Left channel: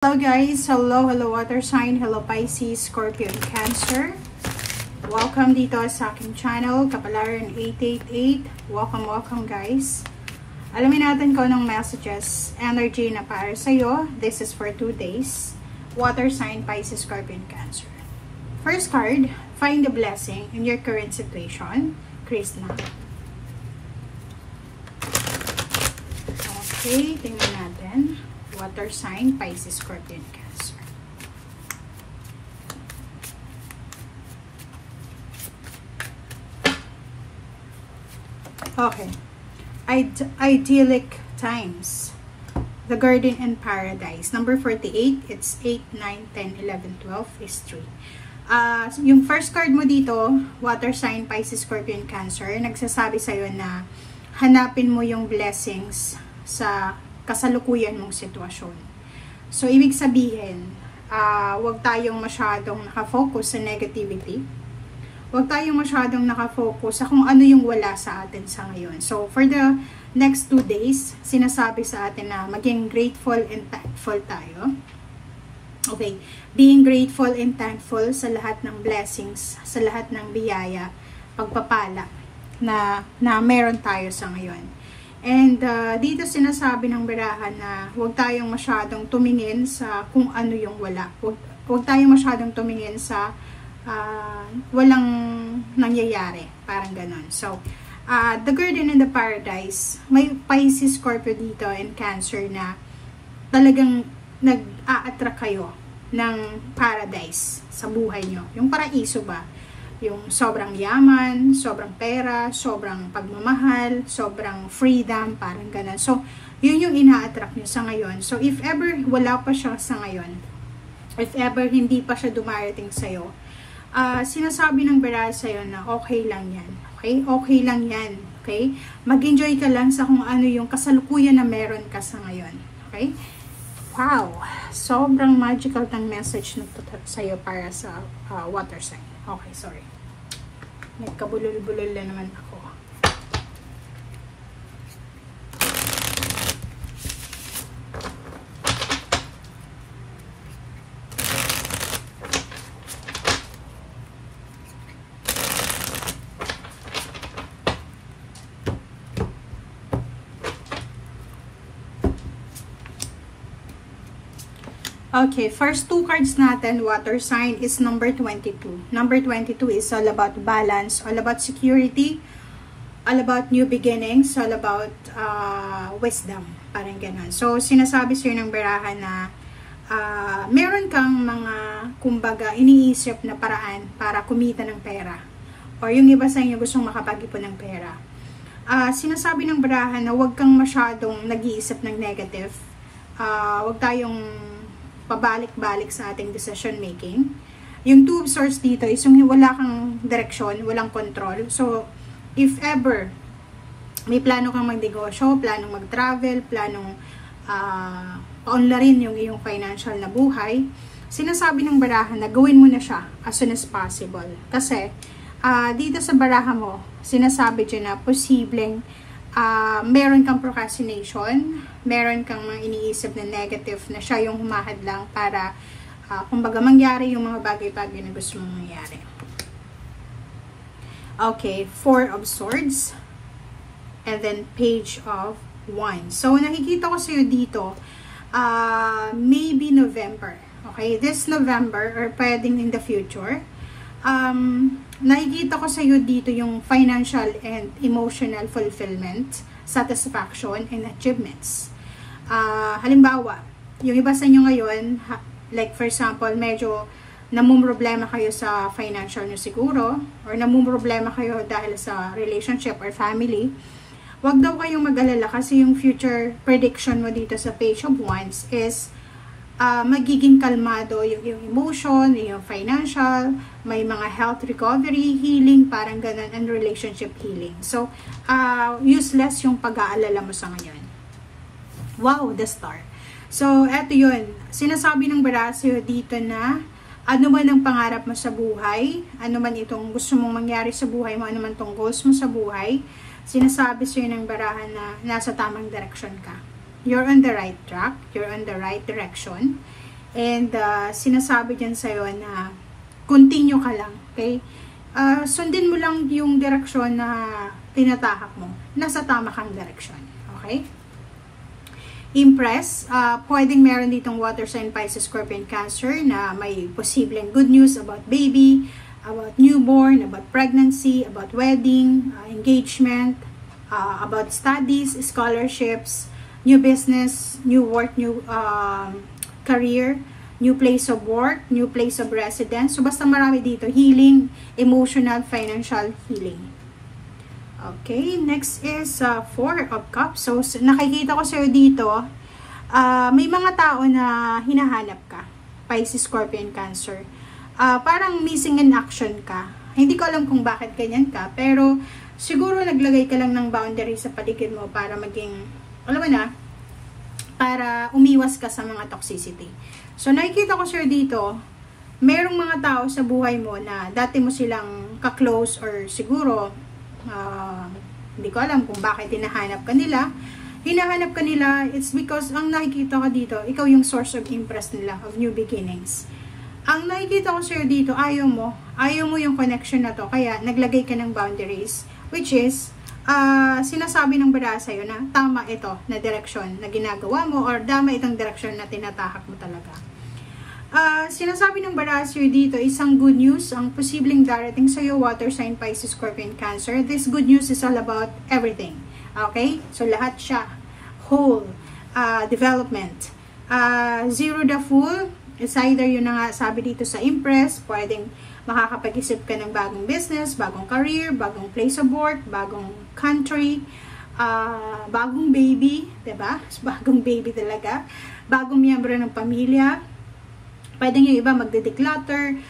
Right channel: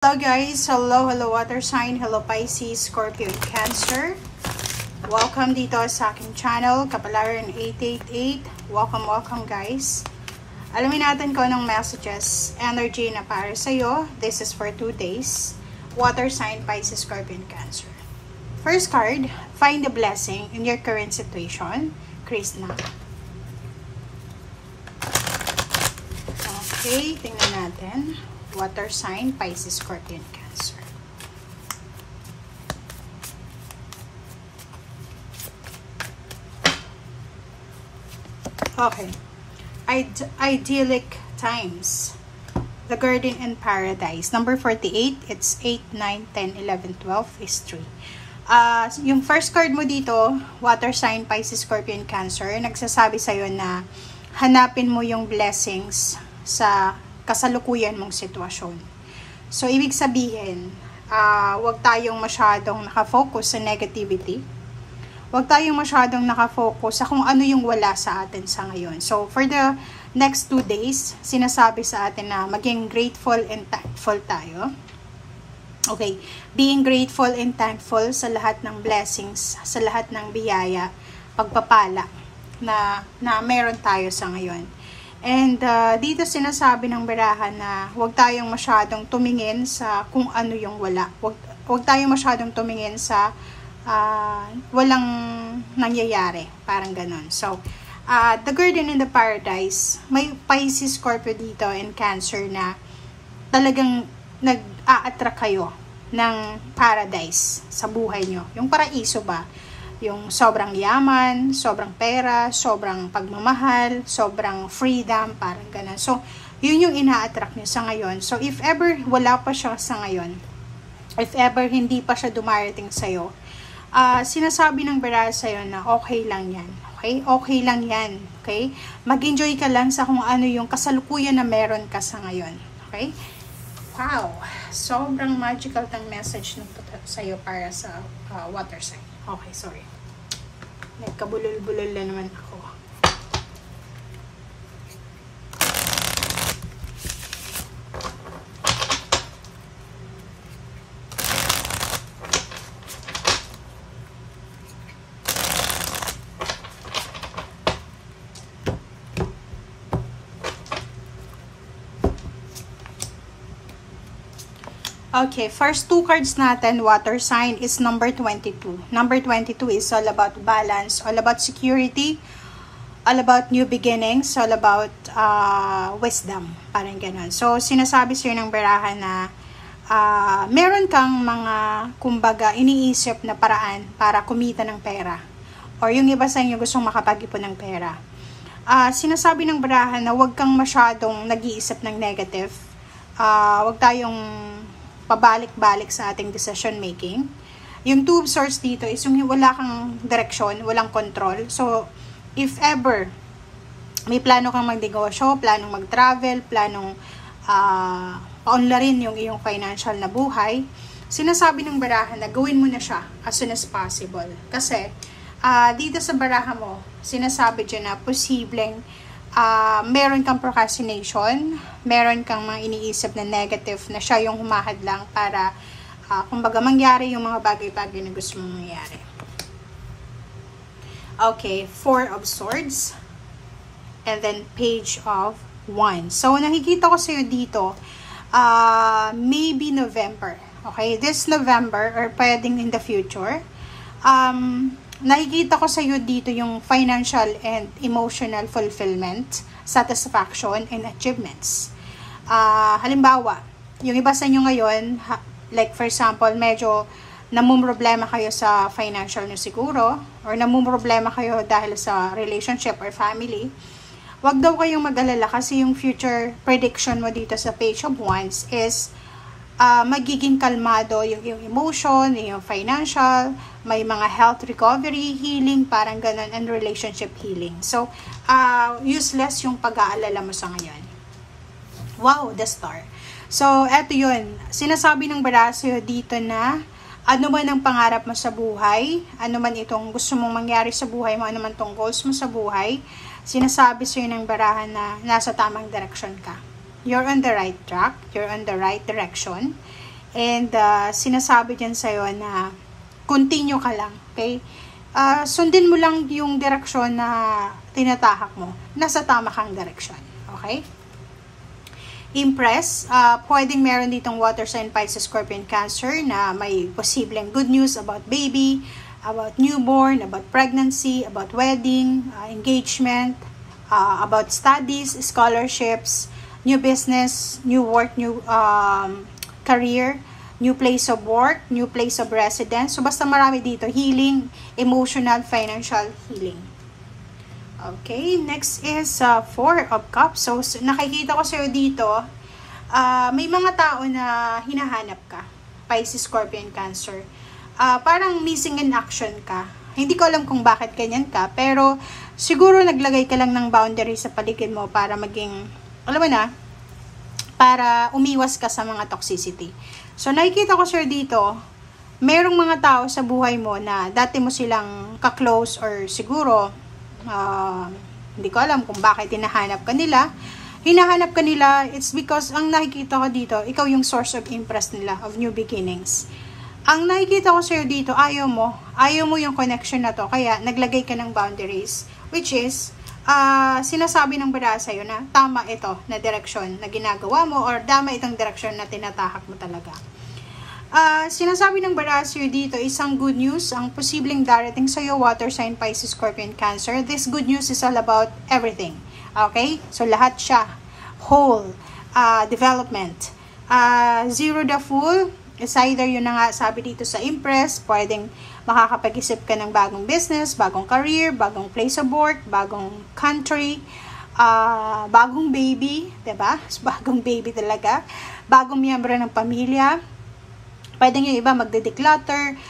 Hello guys, hello water sign, hello Pisces, Scorpio, and Cancer. Welcome dito sa aking channel, Kapalaran 888. Welcome guys. Alamin natin kung anong messages, energy na para sa'yo. This is for 2 days. Water sign, Pisces, Scorpio, and Cancer. First card, find the blessing in your current situation. Krishna. Okay, tingnan natin. Water sign, Pisces, Scorpio, and Cancer. Okay. Idyllic times. The Garden in Paradise. Number 48, it's 8, 9, 10, 11, 12 is 3. Yung first card mo dito, water sign, Pisces, Scorpio, and Cancer, nagsasabi sa'yo na hanapin mo yung blessings sa kasalukuyan mong sitwasyon. So, ibig sabihin, huwag tayong masyadong nakafocus sa negativity. Huwag tayong masyadong nakafocus sa kung ano yung wala sa atin sa ngayon. So, for the next 2 days, sinasabi sa atin na maging grateful and thankful tayo. Okay, being grateful and thankful sa lahat ng blessings, sa lahat ng biyaya, pagpapala na meron tayo sa ngayon. And dito sinasabi ng barahan na huwag tayong masyadong tumingin sa kung ano yung wala. Huwag tayong masyadong tumingin sa walang nangyayari. Parang ganon. So, the Garden in the Paradise, may Pisces, Scorpio dito and Cancer na talagang nag-a-attract kayo ng paradise sa buhay nyo. Yung paraiso ba? Yung sobrang yaman, sobrang pera, sobrang pagmamahal, sobrang freedom, parang ganun. So, yun yung ina-attract nyo sa ngayon. So, if ever wala pa siya sa ngayon, if ever hindi pa siya dumarating sa'yo, sinasabi ng baraha sa'yo na okay lang yan. Okay? Okay lang yan. Okay? Mag-enjoy ka lang sa kung ano yung kasalukuyan na meron ka sa ngayon. Okay? Wow! Sobrang magical tang message na sa'yo para sa water sign. Okay, sorry. Nagkabulol-bulol na naman ako. Okay, first 2 cards natin, water sign, is number 22. Number 22 is all about balance, all about security, all about new beginnings, all about wisdom. Parang ganun. So, sinasabi sa'yo ng baraha na meron kang mga, kumbaga, iniisip na paraan para kumita ng pera. Or yung iba sa inyo gustong makapag-ipon ng pera. Sinasabi ng baraha na huwag kang masyadong nag-iisip ng negative. Huwag tayong pabalik-balik sa ating decision making. Yung 2 of Swords dito is yung wala kang direksyon, walang control. So, if ever may plano kang magnegosyo, planong mag-travel, planong paunlarin yung iyong financial na buhay, sinasabi ng baraha na gawin mo na siya as soon as possible. Kasi, dito sa baraha mo, sinasabi dyan na posibleng meron kang procrastination, meron kang mga iniisip na negative na siya yung humahadlang para kumbaga mangyari yung mga bagay-bagay na gusto mong mangyari. Okay, 4 of Swords and then Page of Wands. So, nakikita ko sa'yo dito, maybe November. Okay, this November or pwedeng in the future, nakikita ko sa iyo dito yung financial and emotional fulfillment, satisfaction, and achievements. Halimbawa, yung iba sa inyo ngayon, like for example, medyo namumroblema kayo sa financial nyo siguro, or namumroblema kayo dahil sa relationship or family, wag daw kayong mag-alala kasi yung future prediction mo dito sa Page of Wands is magiging kalmado yung emotion, yung financial, may mga health recovery, healing, parang ganun, and relationship healing. So, useless yung pag-aalala mo sa ngayon. Wow, the star. So, eto yun. Sinasabi ng baraha sa'yo dito na ano man ang pangarap mo sa buhay, ano man itong gusto mong mangyari sa buhay mo, ano man itong goals mo sa buhay, sinasabi sa'yo ng baraha na nasa tamang direction ka. You're on the right track, you're on the right direction, And sinasabi dyan sa'yo na continue ka lang, okay? Sundin mo lang yung direksyon na tinatahak mo. Nasa tama kang direksyon, okay? Impress, pwedeng meron ditong water sign, Pisces, Scorpion, Cancer na may posibleng good news about baby, about newborn, about pregnancy, about wedding, engagement, about studies, scholarships, new business, new work, new career, new place of work, new place of residence. So, basta marami dito. Healing, emotional, financial healing. Okay, next is Four of Cups. So, nakikita ko sa'yo dito, may mga tao na hinahanap ka. Pisces, Scorpion, Cancer. Parang missing in action ka. Hindi ko alam kung bakit ganyan ka, pero siguro naglagay ka lang ng boundary sa paligid mo para maging, alam mo na, para umiwas ka sa mga toxicity. So, nakikita ko sir dito, merong mga tao sa buhay mo na dati mo silang ka-close or siguro, hindi ko alam kung bakit hinahanap ka nila. Hinahanap ka nila, it's because ang nakikita ko dito, ikaw yung source of interest nila, of new beginnings. Ang nakikita ko sa'yo dito, ayaw mo yung connection na to, kaya naglagay ka ng boundaries, which is, sinasabi ng bara sa'yo na tama ito na direksyon na ginagawa mo or tama itong direksyon na tinatahak mo talaga. Sinasabi ng bara sa'yo dito, isang good news, ang posibleng darating sa'yo, water sign, Pisces, Scorpion, Cancer. This good news is all about everything. Okay? So, lahat siya. Whole. Development. Zero the Fool. It's either yun na nga sabi dito sa Impress, pwedeng makakapag-isip ka ng bagong business, bagong career, bagong place of work, bagong country, bagong baby, diba? Bagong baby talaga. Bagong miyembro ng pamilya. Pwedeng yung iba magde-declutter,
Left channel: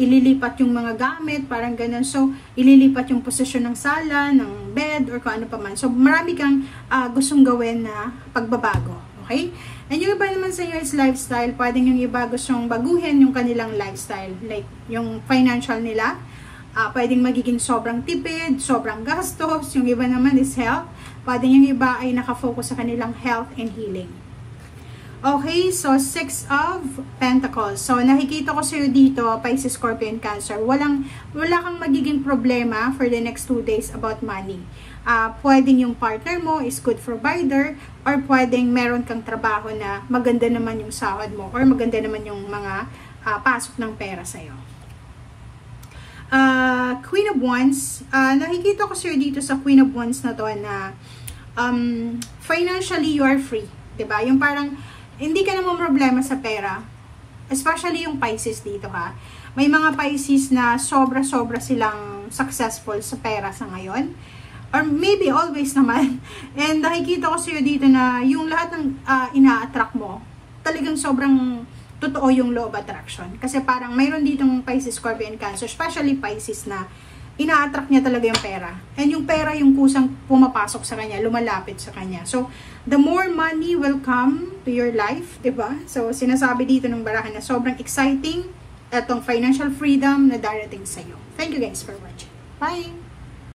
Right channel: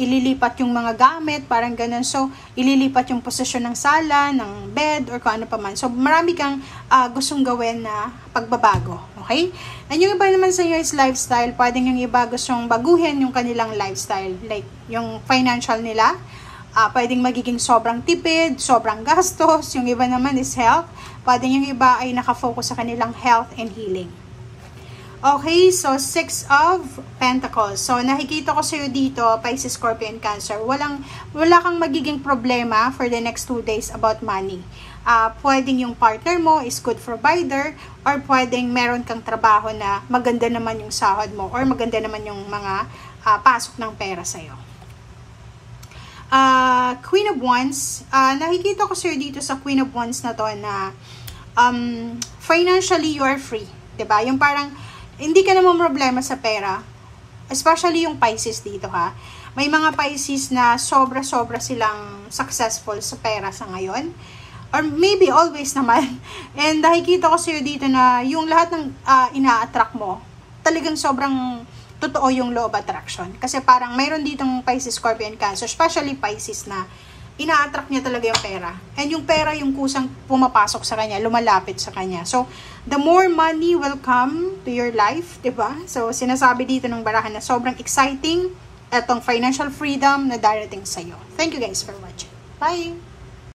ililipat yung mga gamit, parang ganun. So, ililipat yung posisyon ng sala, ng bed, or kung ano pa man. So, marami kang gustong gawin na pagbabago. Okay? And yung iba naman sa inyo is lifestyle. Pwedeng yung iba gustong baguhin yung kanilang lifestyle. Like, yung financial nila. Pwedeng magiging sobrang tipid, sobrang gastos. Yung iba naman is health. Pwedeng yung iba ay nakafocus sa kanilang health and healing. Okay, so Six of Pentacles. So, nakikita ko sa'yo dito, Pisces, Scorpion, Cancer. Wala kang magiging problema for the next 2 days about money. Pwedeng yung partner mo is good provider, or pwedeng meron kang trabaho na maganda naman yung sahod mo, or maganda naman yung mga pasok ng pera sa'yo. Queen of Wands. Nakikita ko sa'yo dito sa Queen of Wands na to na financially you are free. Diba? Yung parang hindi ka naman problema sa pera. Especially yung Pisces dito ha. May mga Pisces na sobra-sobra silang successful sa pera sa ngayon. Or maybe always naman. And nakikita ko sa'yo dito na yung lahat ng ina-attract mo, talagang sobrang totoo yung law of attraction. Kasi parang mayroon ditong Pisces, Scorpion, Cancer, especially Pisces na ina-attract niya talaga yung pera. And yung pera yung kusang pumapasok sa kanya, lumalapit sa kanya. So, the more money will come to your life, diba? So, sinasabi dito ng barahan na sobrang exciting itong financial freedom na darating sa'yo. Thank you guys for watching. Bye!